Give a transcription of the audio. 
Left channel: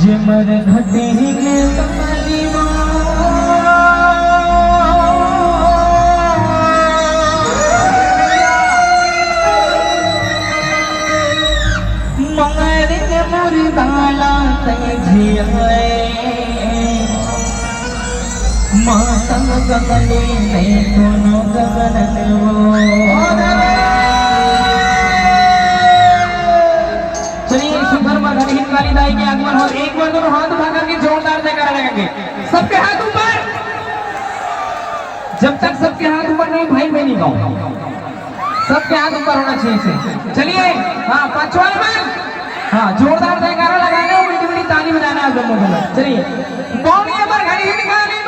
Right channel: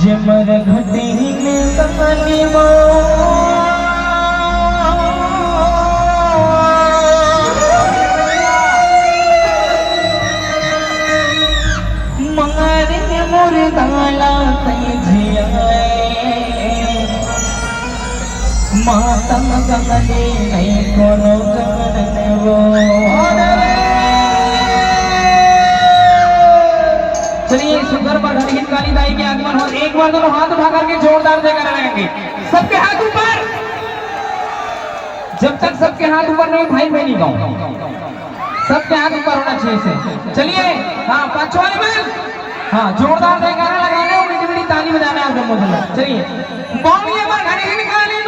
ये मर घटे में कहानी मार के मुर्दाला जियाए माता गगने नहीं कोनो गगन वो। चलिए सुपर पर घड़ी हिंदवानी दाई के आगमन हो। एक बार दोनों हाथ उठा करके जोरदार जयकारा लगाएंगे। सबके हाथ ऊपर। जब तक सबके हाथ ऊपर नहीं भाई मैं नहीं गाऊं। सबके हाथ ऊपर होना चाहिए से। चलिए हाँ पांचवा बार हाँ जोरदार जयकारा लगाना है। मीठी मीठी ताली बजाना है आप दोनों। चलिए बावली पर घड़ी निकाले